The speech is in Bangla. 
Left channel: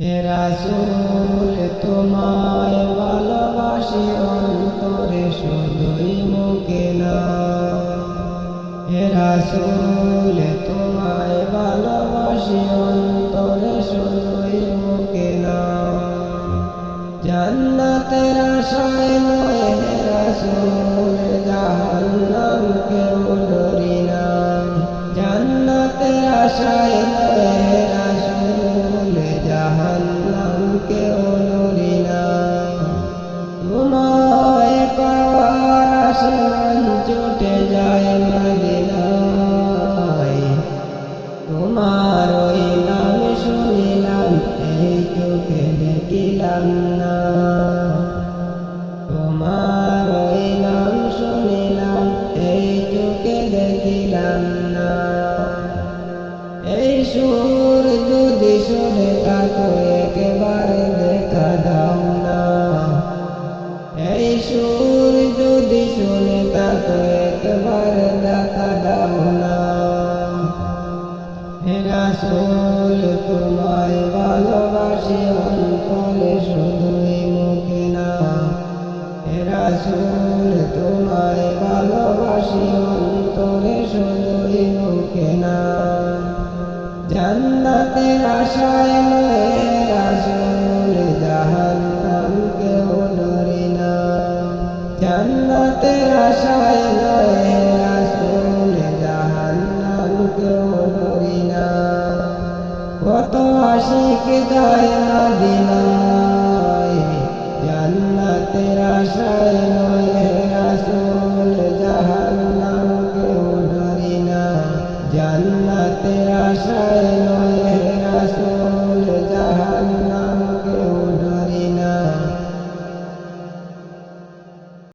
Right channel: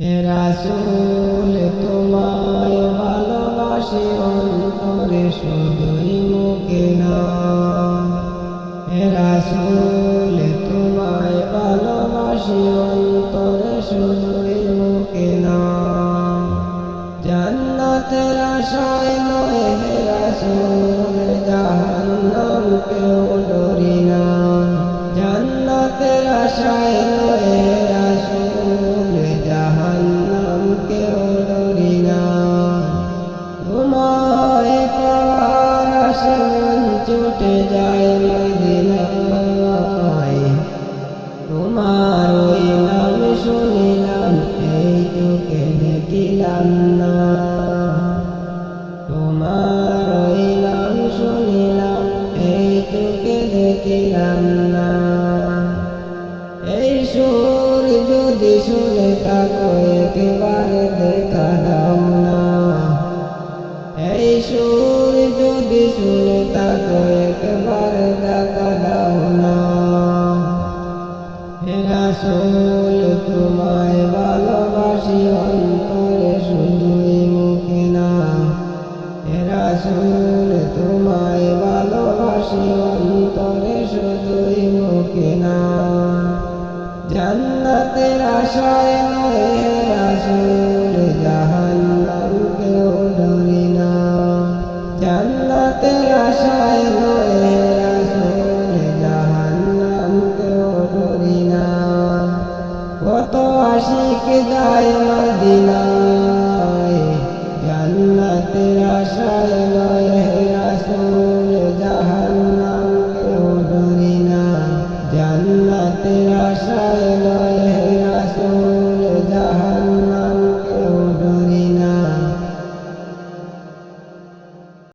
রাসূল তোমায় ভালোবাসি অন্তরে শুধুই মুখে না। রাসূল তোমায় ভালোবাসি অন্তরে শুধুই মুখে না। জান্নাতের আশায় নয় হে রাসূল জাহান্নাম কেউ ডরি না। জান্নাতের আশায় নয় হে রাসূল জাহান্নাম কেউ ডরি না। তোমায় পাওয়ার আসে মন ছুটে যায় মদিনায়। তোমার ওই নাম শুনিলাম, এই চোখে দেখিলাম না। তোমার ওই নাম শুনিলাম, এই চোখে দেখিলাম না। এই সুর যদি শুনে তাকো একেবারে দেখা দাও না। এই সুর যদি শুনে তাকো একবারে দেখা দাও না। রাসূল, তোমায় ভালোবাসি অন্তরে শুধুই মুখে না। রাসূল, তোমায় ভালোবাসি অন্তরে শুধুই মুখে না। জান্নাতের আশায় নয় রাসূল, জাহান্নাম কেউ ডরি না। জান্নাতের আশায় নয় রাসূল, জাহান্নাম কেউ ডরি না। কত আশিক যায় মদিনায়, জান্নাতের আশায় নয় রাসূল, জাহান্নাম জান্নাতের আশায় নয় হে রাসূল ডরি